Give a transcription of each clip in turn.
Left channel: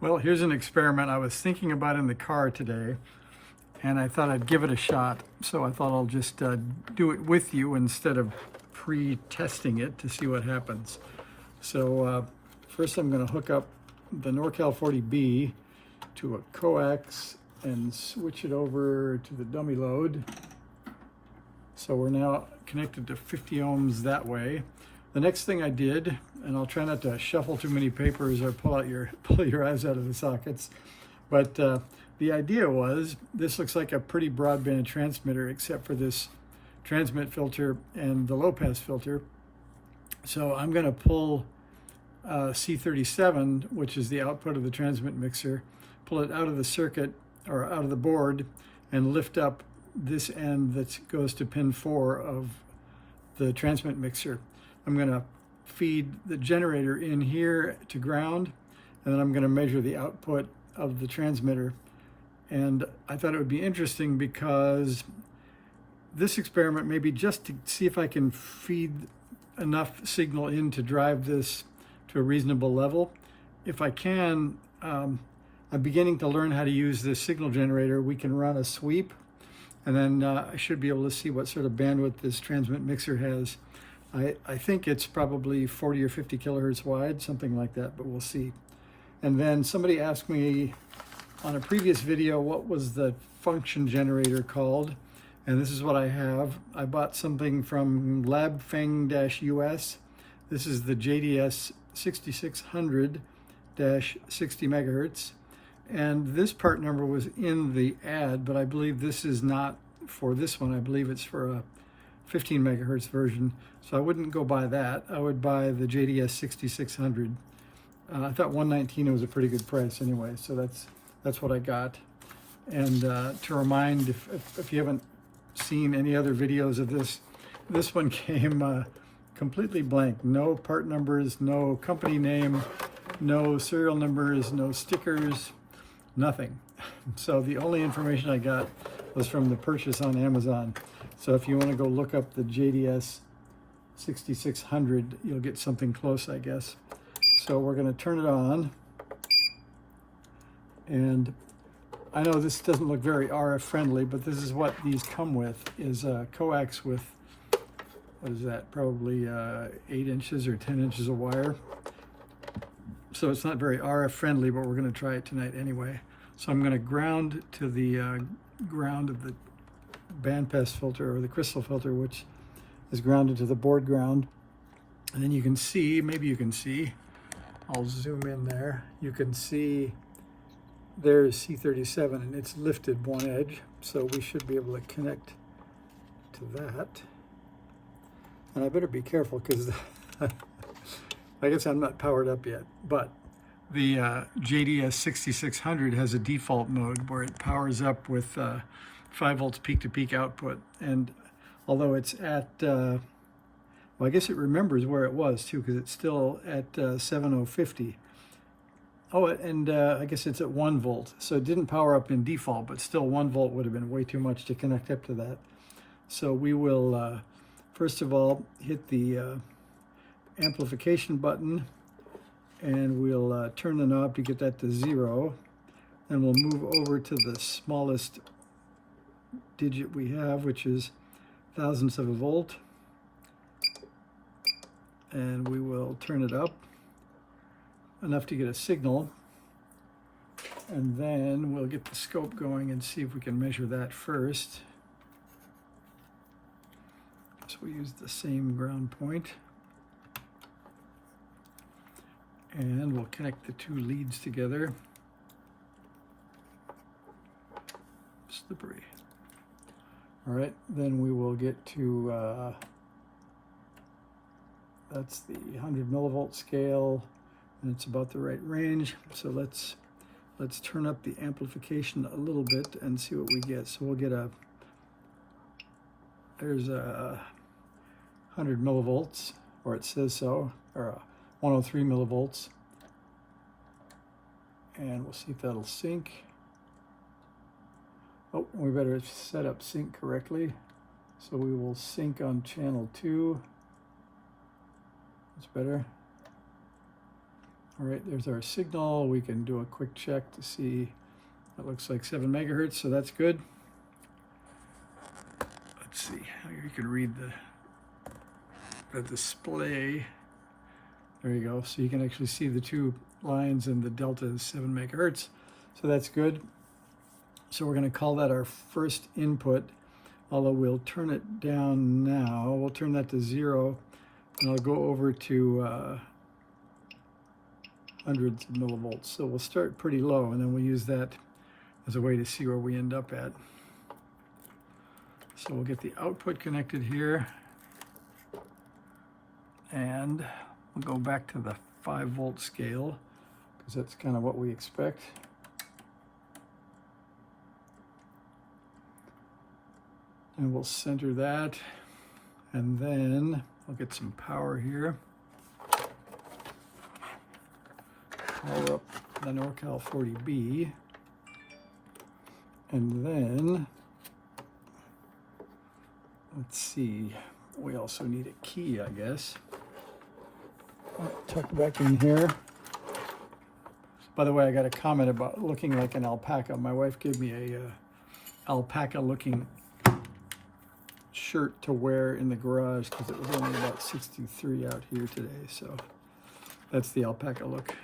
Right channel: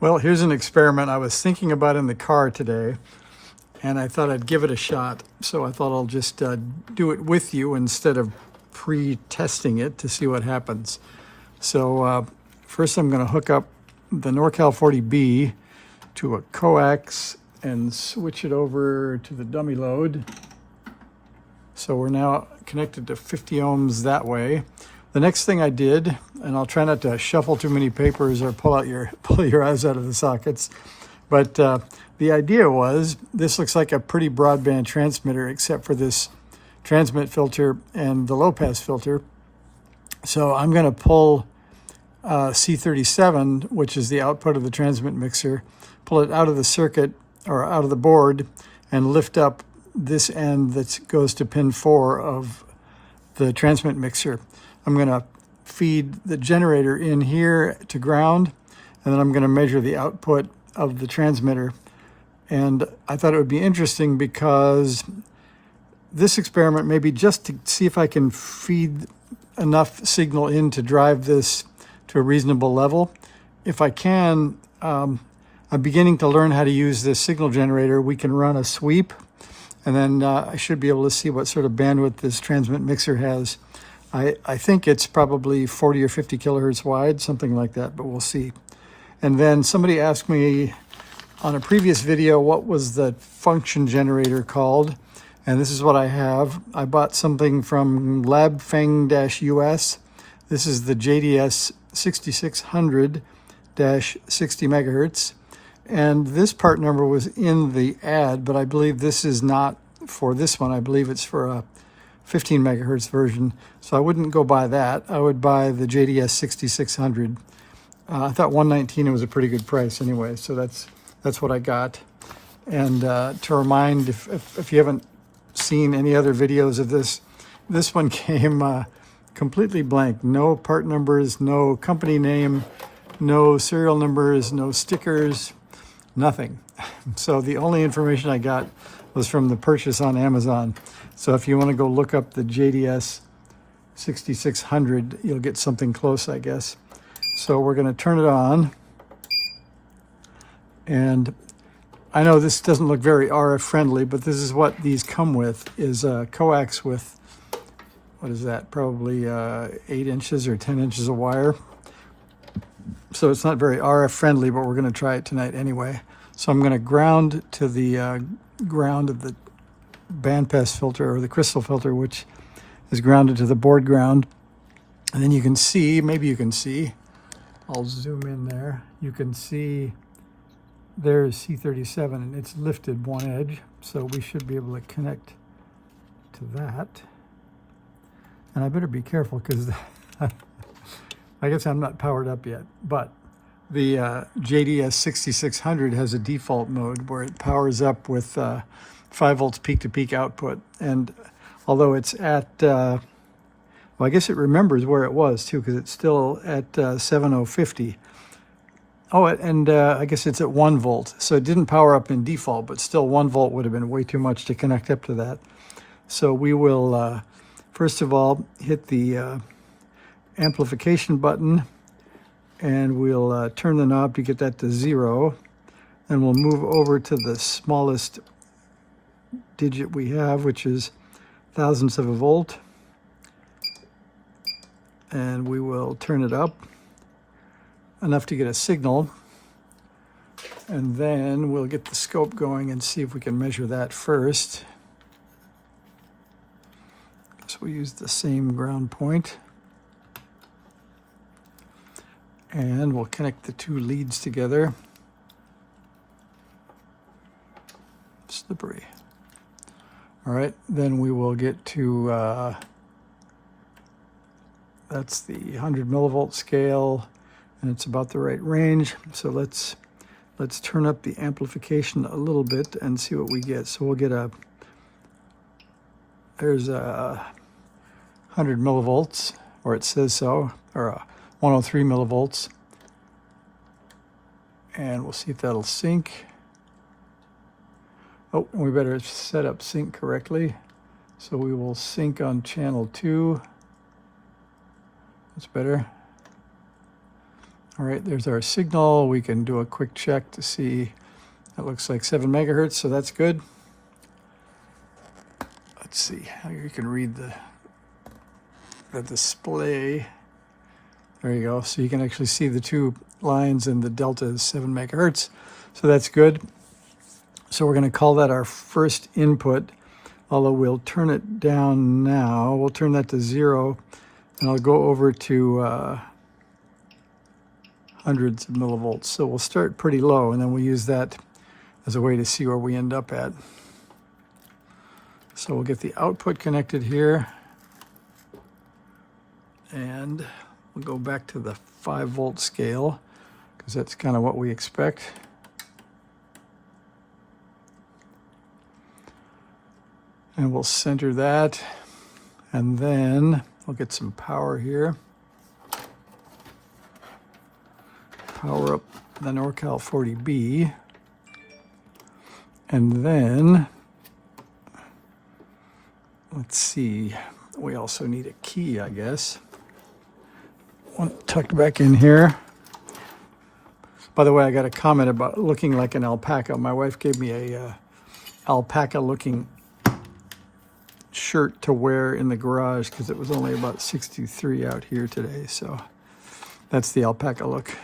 Well, here's an experiment I was thinking about in the car today, and I thought I'd give it a shot. So I thought I'll just do it with you instead of pre-testing it to see what happens. So first I'm going to hook up the NorCal 40B to a coax and switch it over to the dummy load. So we're now connected to 50 ohms that way. The next thing I did, and I'll try not to shuffle too many papers or pull your eyes out of the sockets, but the idea was this looks like a pretty broadband transmitter except for this transmit filter and the low pass filter. So I'm going to pull C37, which is the output of the transmit mixer, pull it out of the circuit or out of the board and lift up this end that goes to pin 4 of the transmit mixer. I'm going to feed the generator in here to ground, and then I'm going to measure the output of the transmitter. And I thought it would be interesting because this experiment may be just to see if I can feed enough signal in to drive this to a reasonable level. If I can, I'm beginning to learn how to use this signal generator. We can run a sweep, and then I should be able to see what sort of bandwidth this transmit mixer has. I think it's probably 40 or 50 kilohertz wide, something like that, but we'll see. And then somebody asked me on a previous video what was the function generator called, and this is what I have. I bought something from LabFeng-US. This is the JDS 6600-60 megahertz, and this part number was in the ad, but I believe this is not for this one. I believe it's for a 15 megahertz version, so I wouldn't go buy that. I would buy the JDS 6600. I thought 119 was a pretty good price anyway, so that's what I got. And to remind, if you haven't seen any other videos of this one came completely blank. No part numbers, no company name, no serial numbers, no stickers, nothing. So the only information I got was from the purchase on Amazon. So if you want to go look up the JDS 6600, you'll get something close, I guess. So we're going to turn it on. And I know this doesn't look very RF friendly, but this is what these come with, is a coax with, what is that, probably 8 inches or 10 inches of wire. So it's not very RF friendly, but we're going to try it tonight anyway. So I'm going to ground to the ground of the bandpass filter or the crystal filter, which is grounded to the board ground. And then you can see, maybe you can see, I'll zoom in there. You can see there's C37 and it's lifted one edge. So we should be able to connect to that. And I better be careful because I guess I'm not powered up yet, but the JDS 6600 has a default mode where it powers up with 5 volts peak-to-peak output. And although it's at, well, I guess it remembers where it was too, because it's still at 7050. Oh, and I guess it's at 1 volt. So it didn't power up in default, but still 1 volt would have been way too much to connect up to that. So we will, first of all, hit the amplification button, and we'll turn the knob to get that to 0. Then we'll move over to the smallest digit we have, which is thousandths of a volt, and we will turn it up enough to get a signal, and then we'll get the scope going and see if we can measure that first. So we use the same ground point, and we'll connect the 2 leads together. Slippery. All right, then we will get to, that's the 100 millivolt scale, and it's about the right range. So let's turn up the amplification a little bit and see what we get. So we'll get there's a 100 millivolts, or it says so, or 103 millivolts. And we'll see if that'll sync. Oh, and we better set up sync correctly. So we will sync on channel 2. That's better. All right, there's our signal. We can do a quick check to see. That looks like 7 megahertz, so that's good. Let's see how you can read the display. There you go. So you can actually see the 2 lines, and the delta is 7 megahertz. So that's good. So we're going to call that our first input, although we'll turn it down now. We'll turn that to 0, and I'll go over to hundreds of millivolts. So we'll start pretty low, and then we'll use that as a way to see where we end up at. So we'll get the output connected here, and we'll go back to the 5-volt scale, because that's kind of what we expect. And we'll center that, and then we'll get some power here. Power up the NorCal 40B, and then let's see, we also need a key, I guess. One tucked back in here. By the way, I got a comment about looking like an alpaca. My wife gave me a alpaca looking shirt to wear in the garage because it was only about 63 out here today. So that's the alpaca look.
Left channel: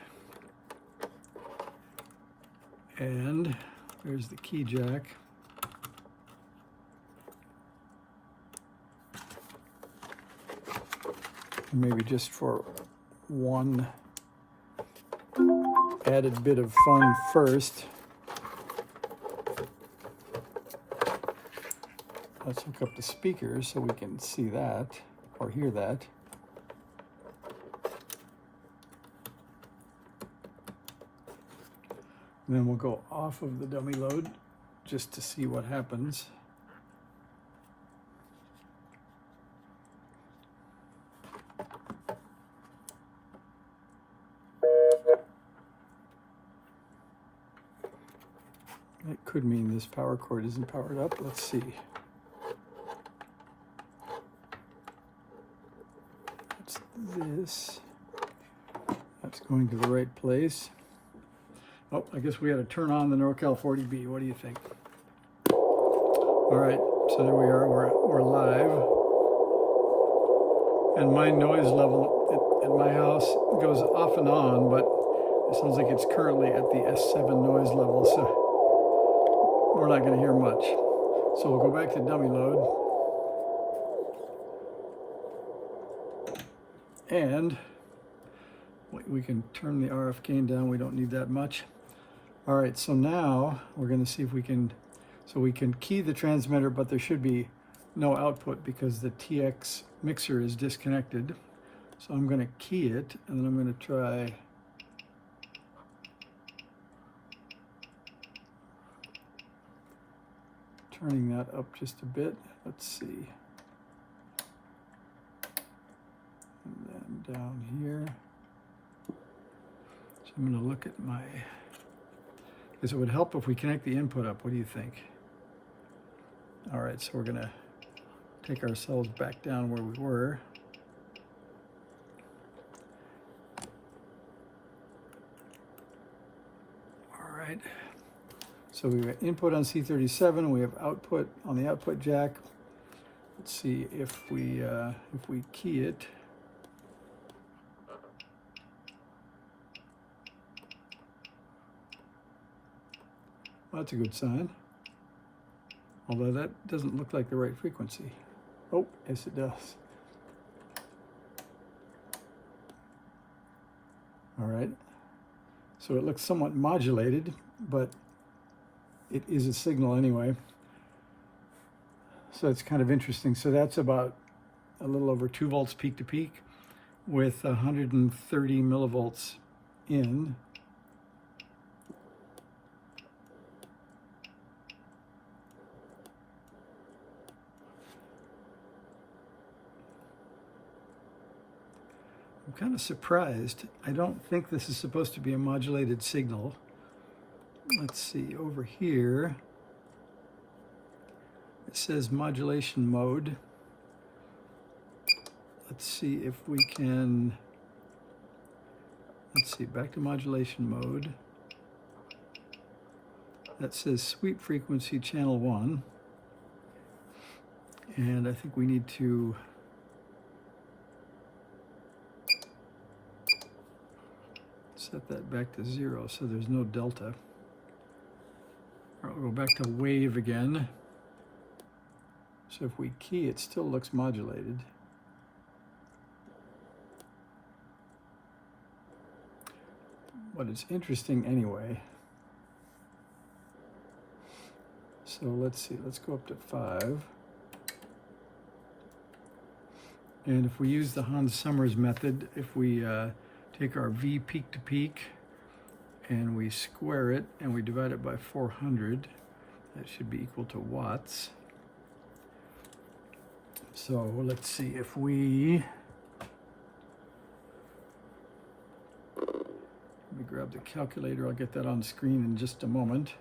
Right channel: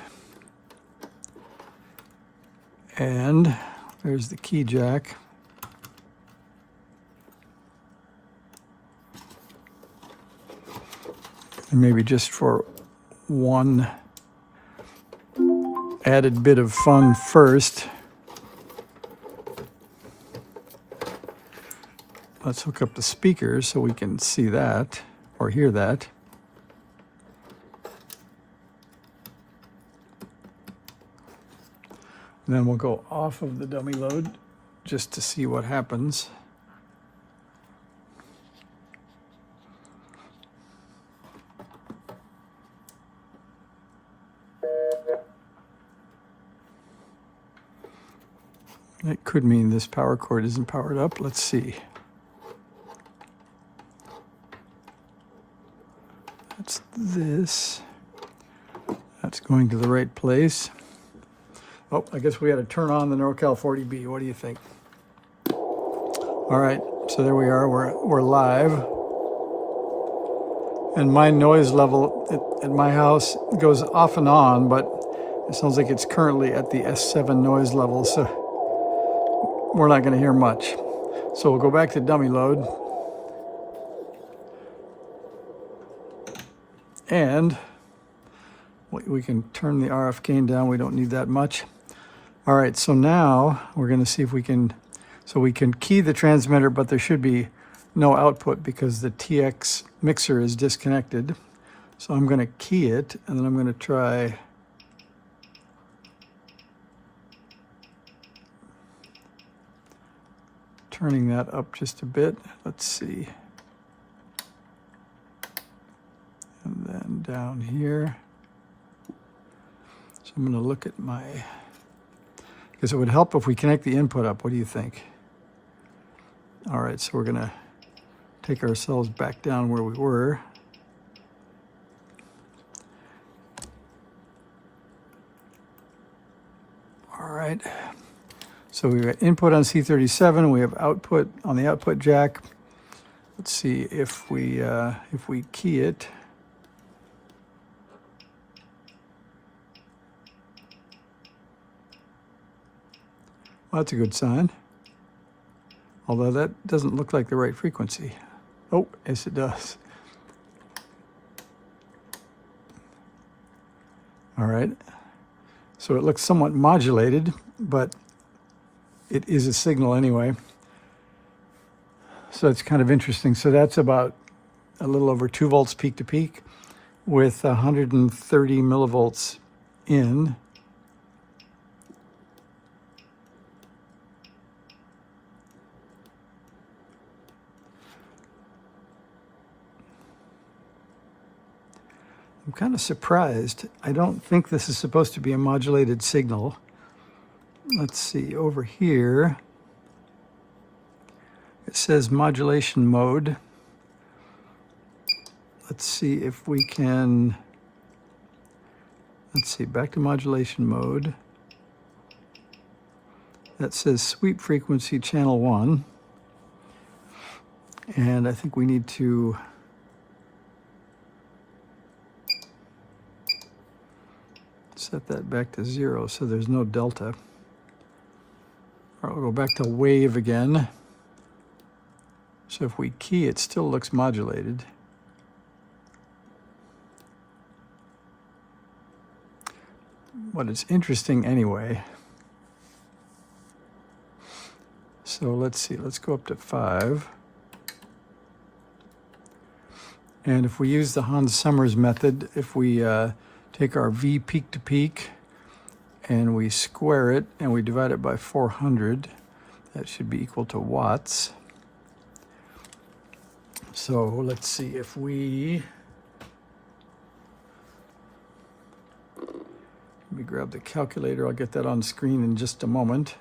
And there's the key jack. And maybe just for one added bit of fun first, let's hook up the speakers so we can see that or hear that. And then we'll go off of the dummy load just to see what happens. That could mean this power cord isn't powered up. Let's see. That's this. That's going to the right place. Oh, I guess we got to turn on the NorCal 40B. What do you think? All right, so there we are. We're live. And my noise level at my house goes off and on, but it sounds like it's currently at the S7 noise level, so we're not going to hear much. So we'll go back to dummy load. And we can turn the RF gain down. We don't need that much. All right, so now we're going to see if we can, so we can key the transmitter, but there should be no output because the TX mixer is disconnected. So I'm going to key it, and then I'm going to try turning that up just a bit. Let's see. And then down here. So I'm going to look at my, because it would help if we connect the input up. What do you think? All right, so we're going to take ourselves back down where we were. All right, so we got input on C37. We have output on the output jack. Let's see if we key it. Well, that's a good sign. Although that doesn't look like the right frequency. Oh, yes it does. All right. So it looks somewhat modulated, but it is a signal anyway. So it's kind of interesting. So that's about a little over 2 volts peak to peak with 130 millivolts in. I'm kind of surprised. I don't think this is supposed to be a modulated signal. Let's see, over here, it says modulation mode. Let's see if we can Let's see, back to modulation mode. That says sweep frequency channel 1. And I think we need to set that back to 0 so there's no delta. All right, we'll go back to wave again. So if we key, it still looks modulated. But it's interesting anyway. So let's see, let's go up to 5. And if we use the Hans Summers method, if we take our V peak to peak and we square it and we divide it by 400, that should be equal to watts. So let's see, if we, let me grab the calculator, I'll get that on screen in just a moment.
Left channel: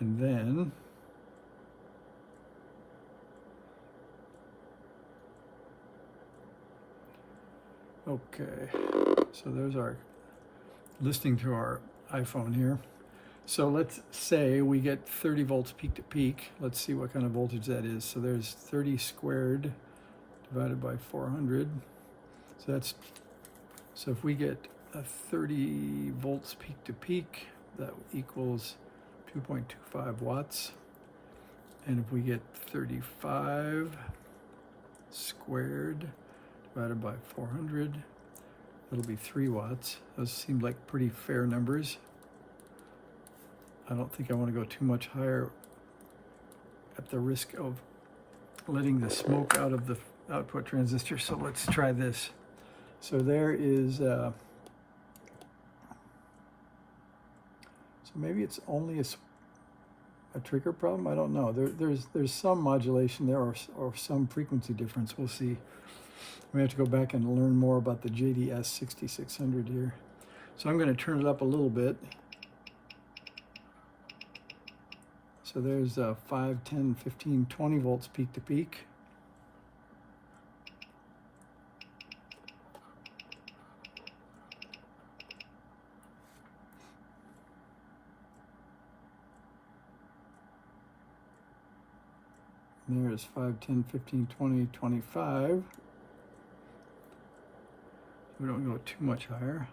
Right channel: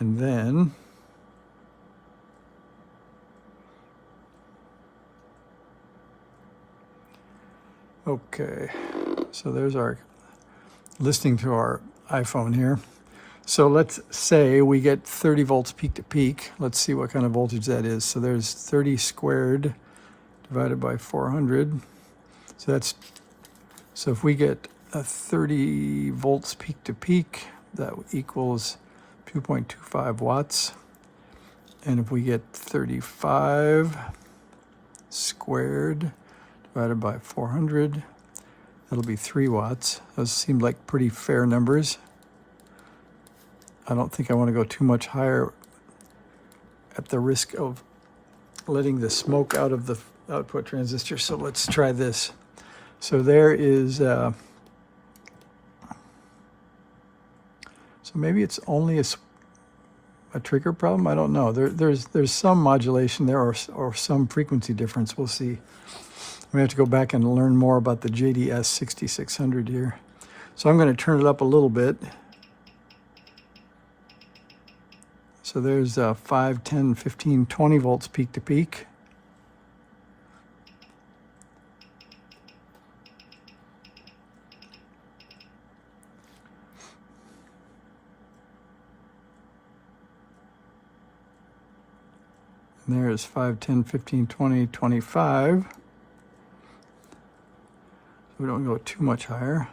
And then okay, so there's our listening to our iPhone here. So let's say we get 30 volts peak to peak. Let's see what kind of voltage that is. So there's 30 squared divided by 400. So if we get a 30 volts peak to peak, that equals 2.25 watts. And if we get 35 squared divided by 400, that'll be 3 watts. Those seem like pretty fair numbers. I don't think I want to go too much higher at the risk of letting the smoke out of the output transistor. So let's try this. So there is, so maybe it's only a trigger problem. I don't know. There's some modulation there or some frequency difference. We'll see. We have to go back and learn more about the DDS 6600 here. So I'm going to turn it up a little bit. So there's 5, 10, 15, 20 volts peak to peak. And there's 5, 10, 15, 20, 25. We don't go too much higher.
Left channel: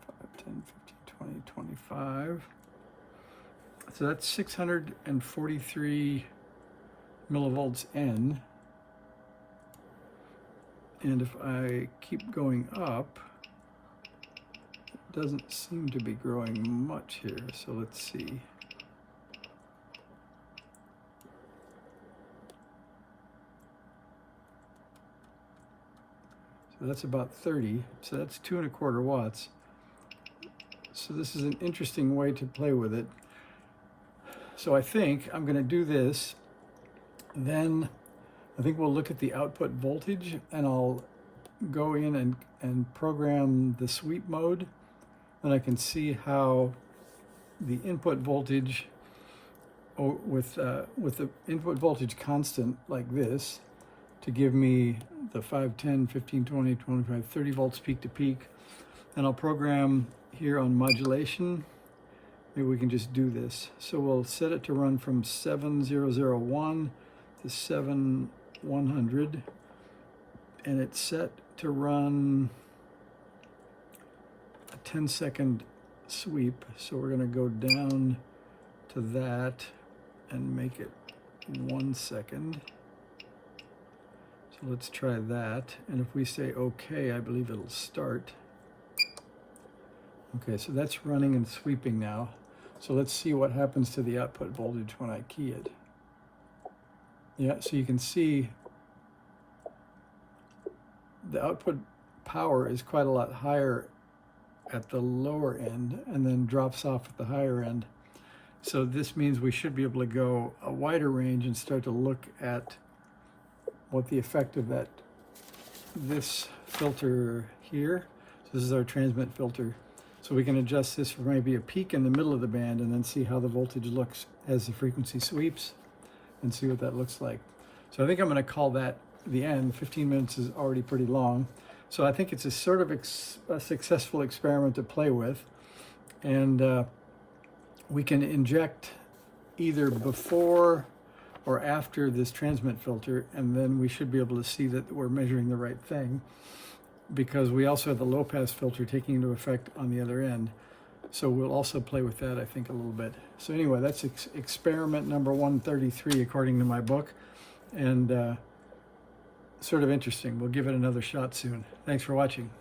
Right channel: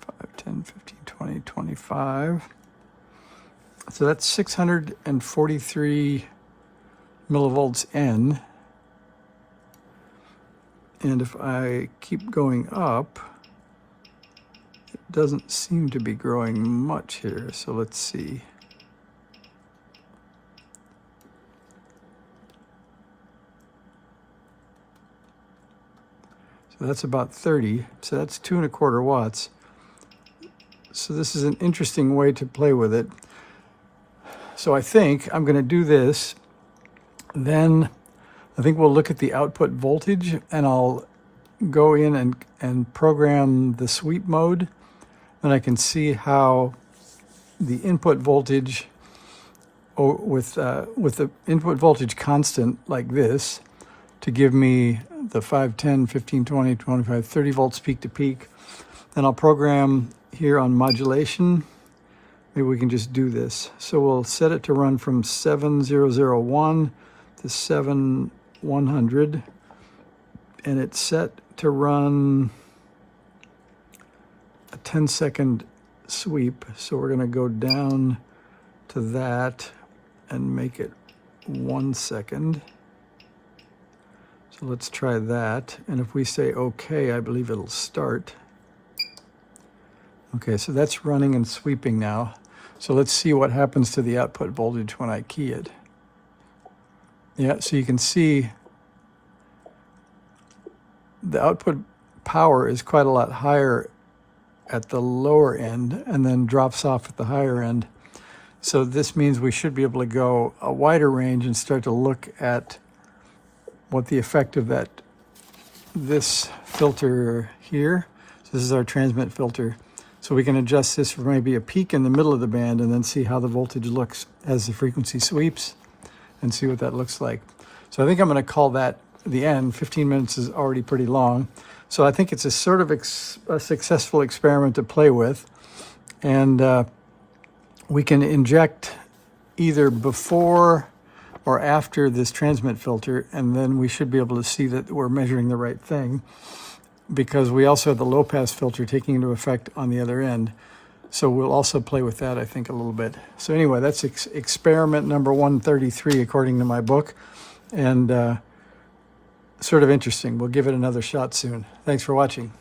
Five, 10, 15, 20, 25. So that's 643 millivolts N. And if I keep going up, it doesn't seem to be growing much here. So let's see. So that's about 30. So that's 2¼ watts. So this is an interesting way to play with it. So I think I'm going to do this. Then I think we'll look at the output voltage, and I'll go in and program the sweep mode, and I can see how the input voltage with the input voltage constant like this to give me the 5, 10, 15, 20, 25, 30 volts peak to peak. And I'll program here on modulation. Maybe we can just do this. So we'll set it to run from 7001 to 7100, and it's set to run a 10-second sweep. So we're going to go down to that and make it 1 second. So let's try that. And if we say OK, I believe it'll start. Okay, so that's running and sweeping now. So let's see what happens to the output voltage when I key it. Yeah, so you can see the output power is quite a lot higher at the lower end and then drops off at the higher end. So this means we should be able to go a wider range and start to look at what the effect of this filter here. So this is our transmit filter. So we can adjust this for maybe a peak in the middle of the band and then see how the voltage looks as the frequency sweeps and see what that looks like. So I think I'm going to call that the end. 15 minutes is already pretty long. So I think it's a sort of a successful experiment to play with. And we can inject either before or after this transmit filter, and then we should be able to see that we're measuring the right thing, because we also have the low pass filter taking into effect on the other end. So we'll also play with that, I think, a little bit. So anyway, that's experiment number 133 according to my book, and sort of interesting. We'll give it another shot soon. Thanks for watching.